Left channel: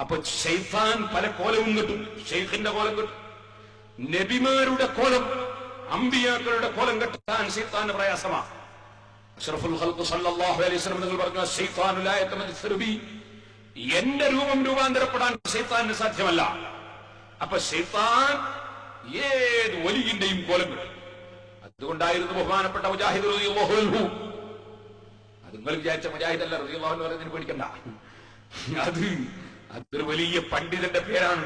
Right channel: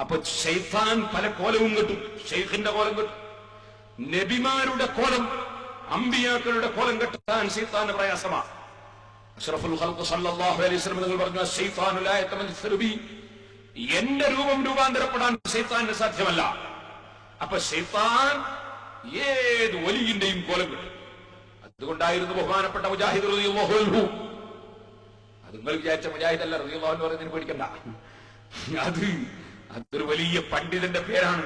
അപ്പൊ ഷെയ്ഫാൻ പല കോലവും കിട്ടും. ഷെയ്ഖിന്റെ കോലം കിട്ടും. നബിമാരുടെ കോലം അമ്പിയാക്കളുടെ കോലം കെട്ടാൻ ഷെയ്ഫാന്റെ പ്രയാസമാണ് അഷ്റഫുൽ ഖൽഖ് സല്ലല്ലാഹു അലൈഹി വസല്ലം നിങ്ങൾ പറഞ്ഞു ശൈത്താനു ലാ യതമസ്സലു ബി. എന്റെ രൂപം രൂപാന്തരപ്പെടാൻ ശൈത്താന് സാധ്യമല്ല. അപ്പൊ ശൈത്താൻ ഏത് വലിയിന്റെയും കോലം കിട്ടും. അതുകൊണ്ടായിരുന്നു ബഹുമാനപ്പെട്ട മുജാഹിദ് റളിയല്ലാഹു അൻഹു. അത് നിങ്ങൾ വിചാരിച്ച മുജാഹിദ് അല്ല റളിയല്ലാഹു എന്ന് പറയുന്നതിന് പേടിക്കണ്ട. അത് അതൊരു വലിയ പണ്ഡിതന്റെ പേരാണ്.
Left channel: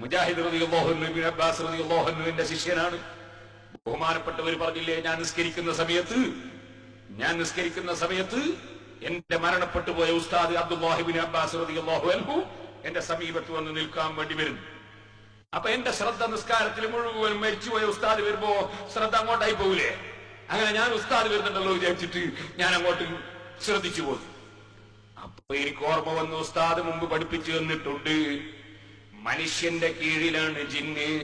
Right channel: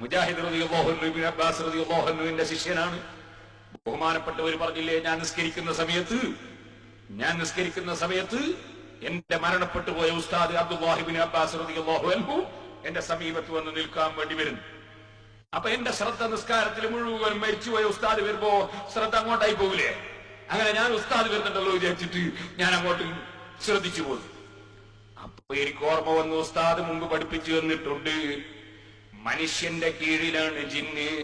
മുജാഹിദ് റതി അൻഹു ഇബ്നു അബ്ബാസ് റതി ശിഷ്യനാണ്. ബഹുമാനപ്പെട്ടവർ പറഞ്ഞില്ലേ ഞാൻ നിസ്കരിക്കുന്ന സമയത്ത് ഞാൻ നിസ്കരിക്കുന്ന സമയത്ത് എന്റെ മരണപ്പെട്ടു പോയ ഉസ്താദ് അബ്ദുല്ലാഹിബിൻ അബ്ബാസ് റളിയല്ലാഹു അൻഹു എന്റെ സമീപത്ത് വന്ന് നിൽക്കാൻ വേണ്ടി വരുന്നു അപ്പൊ എന്റെ ശ്രദ്ധ നിസ്കാരത്തിൽ മുഴുവൻ മരിച്ചുപോയ ഉസ്താദ് വരുമ്പോ ശ്രദ്ധ അങ്ങോട്ടായി പോകൂലേ അങ്ങനെ ഞാൻ ഉസ്താദ് വരുന്നുണ്ടല്ലോ വിചാരിച്ചിട്ട് ഞാൻ അങ്ങോട്ട് ശ്രദ്ധിച്ചു അപ്പൊ എനിക്ക് ഓർമ്മ വന്നു ഉസ്താദ് മുമ്പ് പഠിപ്പിച്ചു തന്നിട്ടുണ്ട്. മനുഷ്യന്റെ കീഴിലാണ് ജിന്ന്.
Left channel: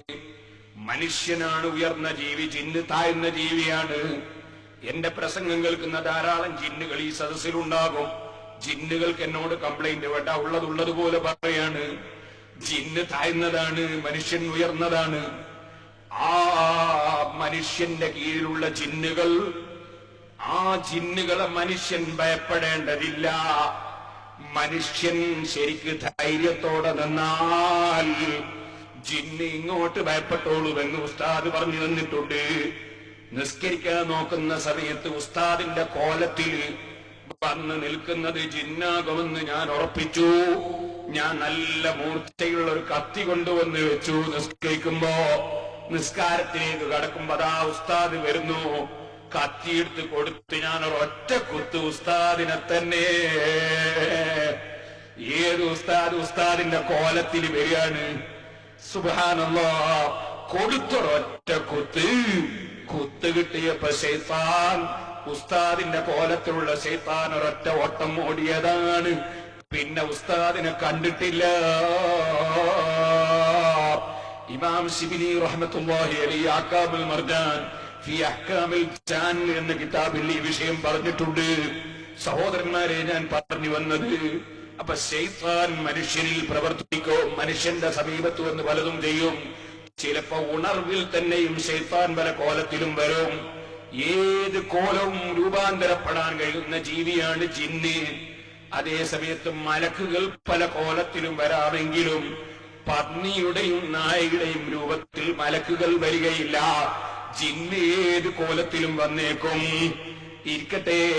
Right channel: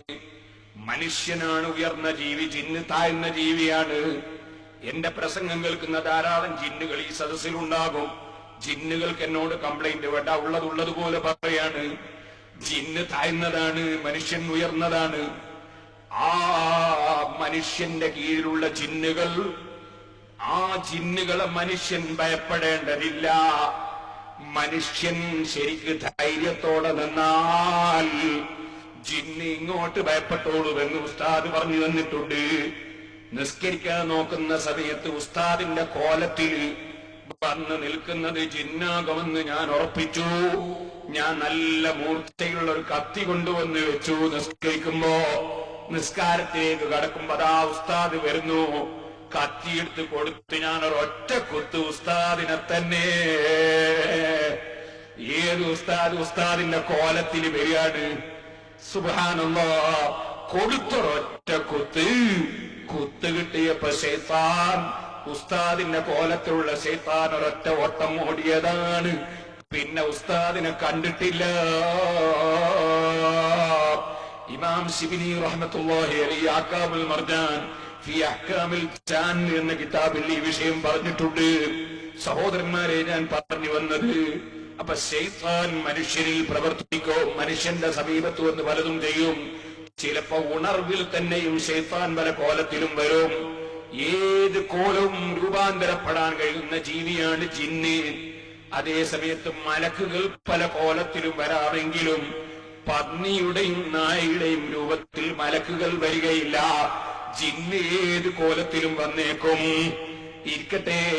മനുഷ്യനാണ് ഉയർന്ന ജീവി ജിന്ന് താഴ്ന്ന ജീവിയാണ്. എന്റെ പ്രസംഗം കേൾക്കുന്ന ധാരാളം ജിന്നുകൾ ഈ സദസ്സിലുണ്ടാകും. ജിന്നുകൾക്ക് എന്നോട് കംപ്ലൈന്റ് വേണ്ട ഉള്ളതുള്ളതുപോലെ പറയാണ്. ജിന്ന് താഴ്ന്നതാണ് മനുഷ്യൻ ഉയർന്നതാണ്. ആ മനുഷ്യന്റെ കീഴിലുള്ള ജിന്നുകൾ ആ ജിന്നുകളെ മനുഷ്യൻ ഭയപ്പെടേണ്ടതില്ല. മനുഷ്യൻ ശരിക്ക് ധൈര്യത്തോടെ നിന്നാൽ ജിന്ന് ഇങ്ങോട്ട് ഭയപ്പെട്ടോളൂവെന്ന് ഉസ്താദ് പറഞ്ഞു തന്നിട്ടുണ്ട്. നിസ്കരിക്കാൻ നോക്കുന്ന സമയത്ത് ഉസ്താദിന്റെ കോലത്തിൽ വന്ന് നിൽക്കുന്നത് ജിന്നാകുമെന്ന് ഞാൻ ഉറപ്പിച്ചു. ഞാൻ നല്ല മൂർച്ചയുള്ള ഒരു കത്തി കൊണ്ടുവന്ന് വെച്ചു നിസ്കരിക്കുമ്പോ. നിസ്കാരത്തിലേക്ക് കടക്കുമ്പോ അതാ ഉസ്താദ് വരുന്നു. കത്തിയെടുത്ത് കൊടുത്ത് ഞാൻ ഒരൊറ്റ കുത്ത് ഉസ്താദിനെ തന്നെ. ഏത് ഉസ്താദ് ഉസ്താദിന്റെ കോലത്തിൽ വരികയാണ്? സുബാനല്ലോ കൊടുത്തൊരൊറ്റ കുത്ത്. കുത്ത് കിട്ടിയപ്പോ ശൈത്താൻ ഉസ്താദിന്റെ കോലത്തിലുള്ള ശൈത്താൻ ഒരൊറ്റ ഓട്ടം ഓടിയതാണ്. പിന്നെ ഉസ്താദിനെ കണ്ടിട്ടില്ല. ഇമാം ശിബിനി റഹ്മത്തുള്ളാഹി അലി ആക്കാബുൽ മർജാൻ അഹ്കാമിൽ ജാൻ എന്ന കിതാബിൽ ഈ വിഷയം പറഞ്ഞിട്ടുണ്ട്. സഹോദരന്മാരെ ഞാൻ പറഞ്ഞു വന്നത് അപ്പൊ ശൈത്താൻ മനുഷ്യരിൽ പ്രവർത്തിക്കോ മനുഷ്യന്റെ സമീപത്ത് വന്ന് പലതും ചെയ്യും. ചിലപ്പോ ഉണർവിൽ തന്നെയും ശൈത്താൻ പല കോലത്തിലും വരും. ഏത് കോലവും രൂപാന്തരപ്പെടാൻ കഴിയുന്ന ജീവിയാണ് ജിന്ന്. അതേ സമയത്ത് മലക്കുകൾ പല കോലത്തിലും വരാമെങ്കിലും പന്നിയുടെയും നായയുടെയും രൂപത്തിൽ മലക്കുകൾ വരികയില്ല. ജിന്ന് ഏത് കോലത്തിലും വന്നേക്കും. ഇരിക്കട്ടെ.